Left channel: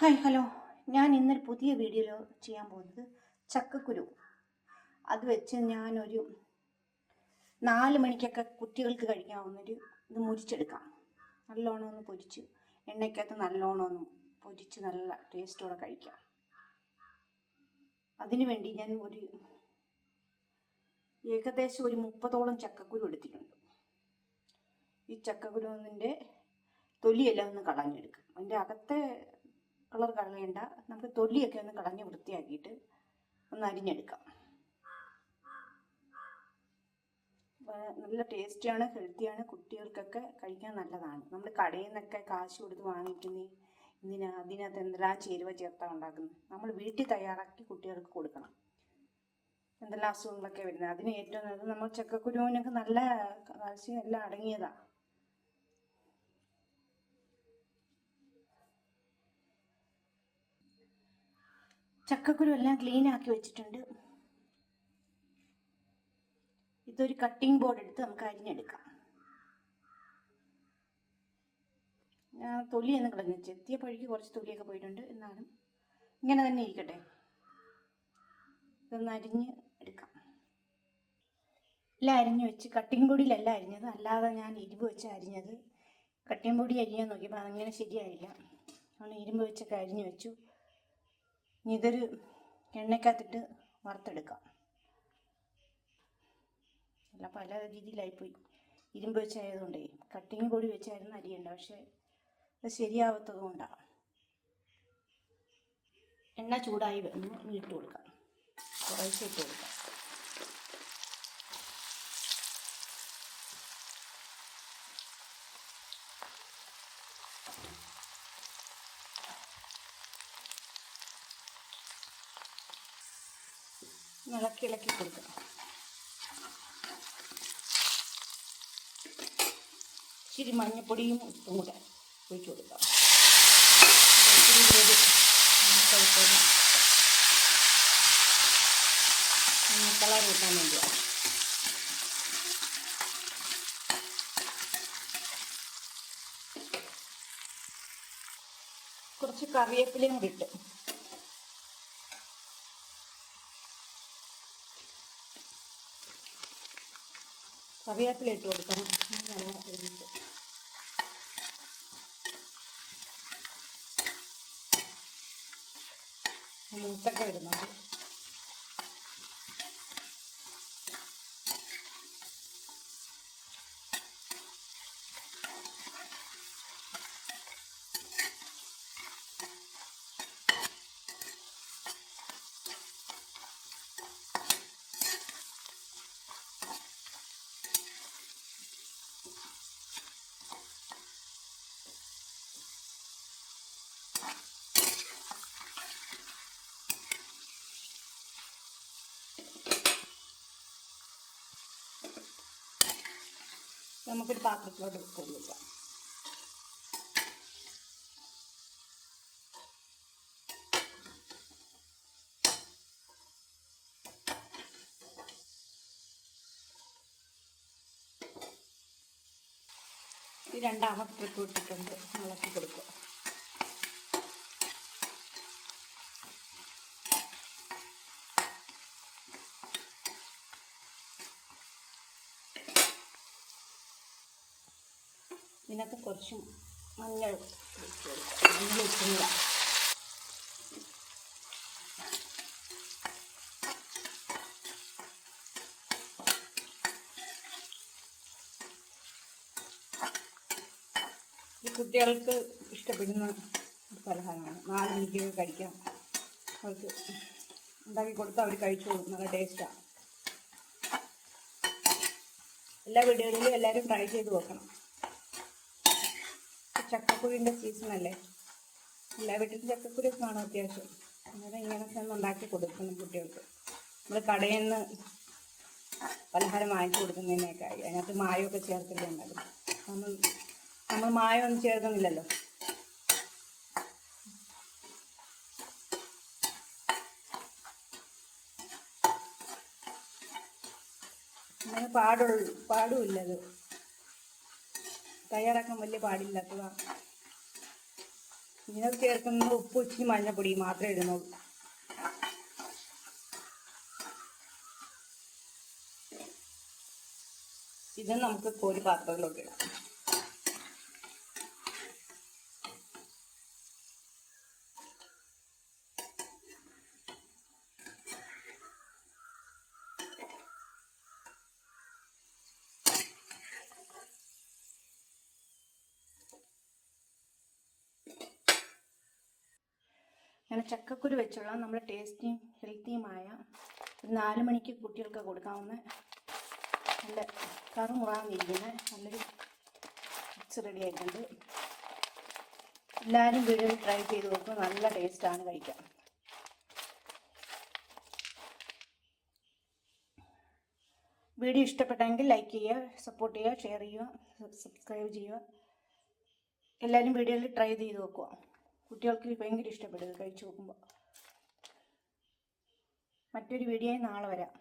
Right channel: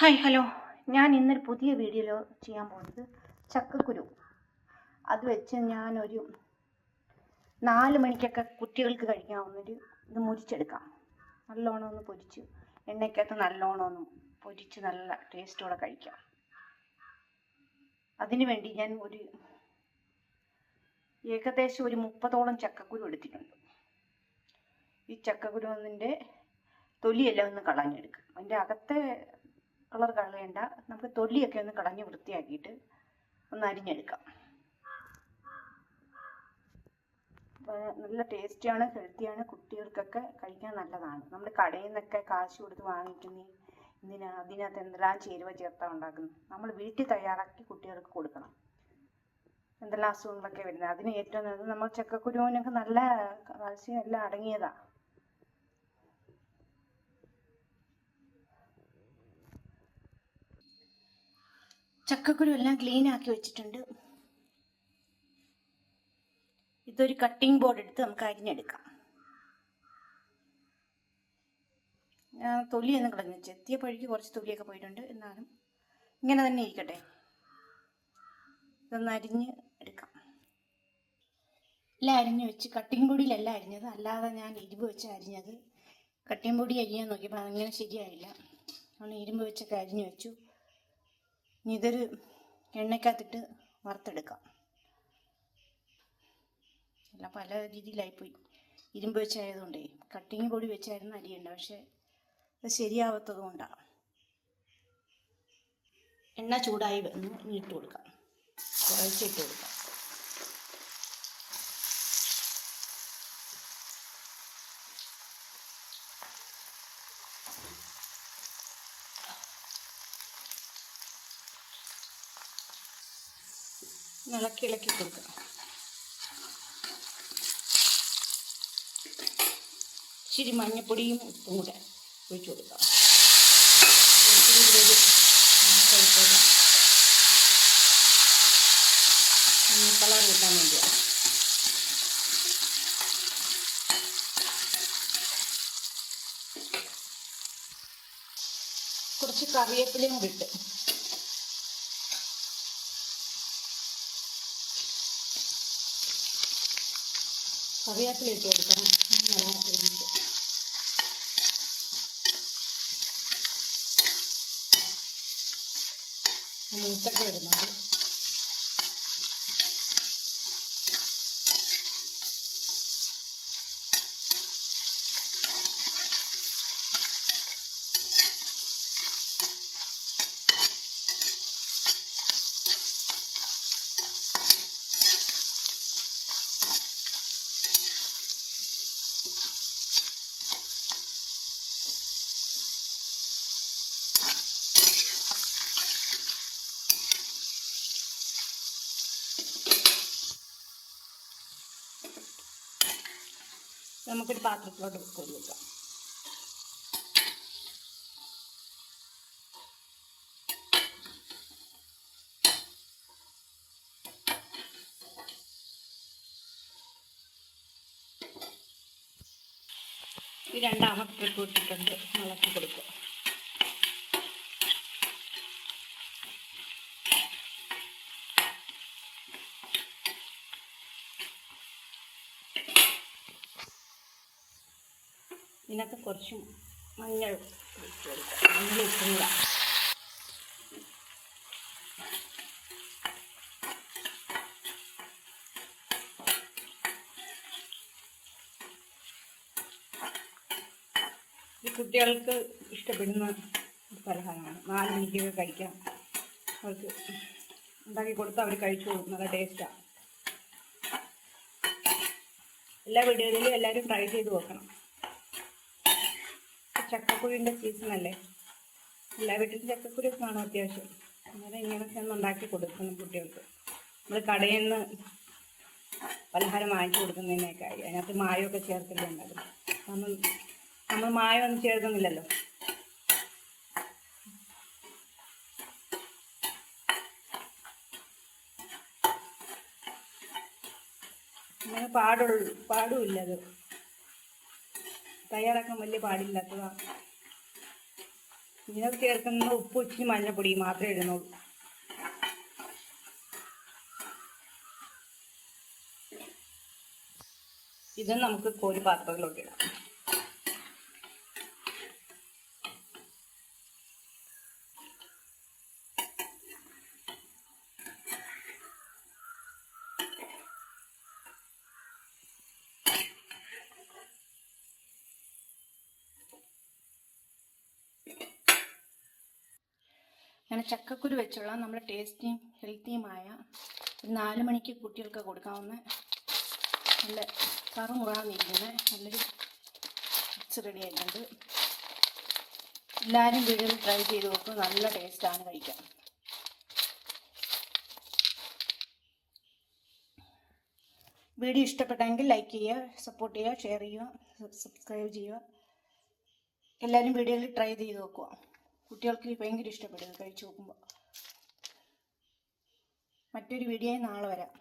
Hi hello ഞാൻ ഇന്നൊരു പുതിയ വീഡിയോ ചെയ്യാൻ പോകുന്നത് ചക്കക്കുരു. അത് വെച്ച് ഞാനൊരു നാല് മണിക്കൊക്കെ കുട്ടികൾക്ക് കഴിക്കാവുന്നൊരു ഇത് മുരിച്ചെടുക്കാം. നല്ലോണം ഒന്ന് പൊരിച്ച് എണ്ണയ്ക്കകത്ത് നല്ലോണം ഒന്ന് പൊരിച്ച് നല്ല ടേസ്റ്റോടെ കഴിക്കാം. അതിനു വേണ്ടി ഞാൻ ഒരു ഏകദേശം ഒരു മുപ്പതോളം ചക്കക്കുരു എടുത്തിട്ടുണ്ട്. ഈ ചക്കക്കുരുവിന്റെ തൊലിയെല്ലാം ഒന്ന് കളഞ്ഞെടുക്കും. അതിന്റെ അകത്തെ കളർ കളയണ്ട. നമുക്ക് തൊലിയൊക്കെ ഒന്ന് കളഞ്ഞ് വൃത്തിയാക്കിയിട്ട് ഒന്ന് അരിഞ്ഞെടുക്കാം. നല്ല ടേസ്റ്റിയാണ് ഹെൽത്തിയാണ് കുട്ടികൾക്കൊക്കെ കഴിക്കാൻ നല്ലതാണ്. നമ്മൾ കടയിൽ നിന്നൊക്കെ കാശ് കൊടുത്ത് വാങ്ങിക്കുന്ന ഇതിന് അതിനകത്ത് എന്തെല്ലാം ചേരുവ ചേർത്താ ഉണ്ടാക്കുന്നത് നമ്മൾ വീട്ടിൽ തയ്യാറാക്കി കുട്ടികൾക്ക് കൊടുക്കണം. എന്തെല്ലാം അസുഖങ്ങളൊക്കെ വരുന്നത്. അതിന് ഏറ്റവും നല്ലത് നമ്മൾ ചക്കക്കുരുവിനൊക്കെ നല്ല കാൽസ്യം എല്ലാം അടങ്ങിയതാണ് ചക്കക്കുരു എല്ലാം ക്ലീൻ ആക്കി വെച്ചിട്ടുണ്ട്. ഇതൊരു കട്ടിംഗ് ബോർഡ് എടുത്ത് നമുക്ക് അരിഞ്ഞെടുക്കാം. ഞാൻ തൊലിയൊന്നും കളഞ്ഞു ചെത്തിയ പഴുക്ക് കുറച്ച് തൊലിയൊക്കെ പോയിട്ടുണ്ട്. എന്നാലും ഇങ്ങനെ തന്നെ ഇരിക്കട്ടെ. ഇതൊന്ന് അരിഞ്ഞ് എടുക്കാം. എല്ലാം അരിഞ്ഞ് വെച്ച്. കട്ടിംഗ് പൊടിയിലല്ല അരിഞ്ഞത്. അല്ലാതെ ഞാൻ ഇരുമ്പ് വെച്ച് അരിഞ്ഞത്. കട്ടിംഗ് പൊടി അരിയാൻ നോക്കിയപ്പോൾ അങ്ങനെ ശരിയായില്ല. അതുകൊണ്ട് ഇരുമ്പ് വെച്ചൊക്കെ അരിഞ്ഞ് വെച്ചു. ഇതൊരു എണ്ണയ്ക്കകത്തിട്ട് വറുത്തെടുക്കാം. എല്ലാം പല രീതിയിലായിപ്പോയി. ഇരുമ്പ് വെച്ചായതുകൊണ്ടേ കട്ടിങ് പൊടി വെച്ചായിരുന്നു അരിയുണ്ട് പക്ഷേ അത് ശരിയാവാത്തത് കൊണ്ടാണ് എണ്ണ ചൂടായി വന്ന് ഇട്ട് കൊടുക്കാം. കുറച്ച് ഇട്ട് കൊടുക്കാം. ഇളക്കി ഇളക്കി കൊടുക്കണം ഇച്ചിരി മഞ്ഞപ്പൊടിയും ഉപ്പും കൂടെ ഒഴിച്ചു കൊടുക്കാം. ഇച്ചിരി കുഴപ്പമില്ല കളർ വേണ്ടിയാണ് കുറച്ച് കറിവേപ്പിലയും കൂടി ഇട്ട് കറിവേപ്പില കൊടുക്കണം. നല്ല ഇടുന്നുണ്ട് മൂത്തൊക്കെ ഇടുന്നുണ്ട്. നമുക്കൊരു പാത്രത്തിലോട്ട് ഈ രണ്ടാമത്തെ ട്രിപ്പ് ഇട്ടിട്ടുണ്ട് കൊടുക്കുക. ഇതിനകത്ത് കുറച്ച് മഞ്ഞൾ മഞ്ഞൾ ഇട്ടുക കുട്ടികൾക്ക് ഇഷ്ടപ്പെടുന്ന പലഹാരമാണ്. നാല് മണിക്കൊക്കെ കഴിക്കാം. അവർക്ക് ഉണ്ടാക്കി കൊടുത്താൽ അവർ കഴിച്ചോളും നല്ല ടേസ്റ്റാണ് എല്ലാ വീഡിയോയിലും എല്ലാവരും ട്രൈ ചെയ്ത് നോക്കണം. ചക്കക്കുരുവിന്റെ സീസണല്ലേ എല്ലാ വീട്ടിലും ചക്കക്കുരു കാണും അത്യാവശ്യം. അന്നേരം ഇങ്ങനെയൊക്കെ ഒന്ന് ഉണ്ടാക്കി കൊടുക്കണം കുട്ടികൾക്ക്. നമ്മൾ കടയിൽ നിന്ന് പലഹാരം വാങ്ങിച്ചു കൊടുക്കുന്നതിനേക്കായി അതിനകത്ത് മായമൊക്കെ ചേർത്തില്ലേ ഉണ്ടാകും നമ്മൾ നമ്മൾ മായമൊന്നും ചേർക്കുന്നില്ലല്ലോ. അങ്ങനെ പാടുള്ളൂ. പാടുമില്ല അത്. തയ്യാറാക്കാൻ വലിയ പാടില്ലാത്തതാണ് ഇതിനകത്ത് ചേർക്കുന്ന ഉപ്പ് ഇച്ചിരി മഞ്ഞപ്പൊടി മാത്രമേ ഇടുന്നുള്ളൂ. ഇത് നമുക്ക് കോരി പാത്രത്തിലോട്ട് ഇടാം. അങ്ങനെ ചക്കക്കുരു വെച്ചുള്ള നമ്മുടെ ടേസ്റ്റിയും ഹെൽത്തിയുമായ ഒരു നാല് മണിക്ക് കുട്ടികൾക്ക് കൊടുക്കാവുന്ന നല്ല കറുമുറാന്നിരിക്കുന്ന നല്ലൊരു മിക്സ് റെഡി ആയിട്ടുണ്ട്. എല്ലാവരും വീടുകളിൽ ട്രൈ ചെയ്ത് നോക്കും നല്ല ടേസ്റ്റാണ് കഴിക്കാം വീഡിയോ ഇഷ്ടപ്പെട്ടെങ്കിൽ ലൈക്ക് ചെയ്യുക സപ്പോർട്ട് ചെയ്യുക ഷെയർ ചെയ്യുക സബ്സ്ക്രൈബ് ചെയ്യുക. എല്ലാവരും വീഡിയോയിൽ ട്രൈ ചെയ്ത് നോക്കുക. കുട്ടികൾക്ക് ഭയങ്കര ഇഷ്ടപ്പെടും കഴിച്ചു നോക്കുമ്പോൾ മറ്റൊരു വീഡിയോയിൽ നാളെ വരാം.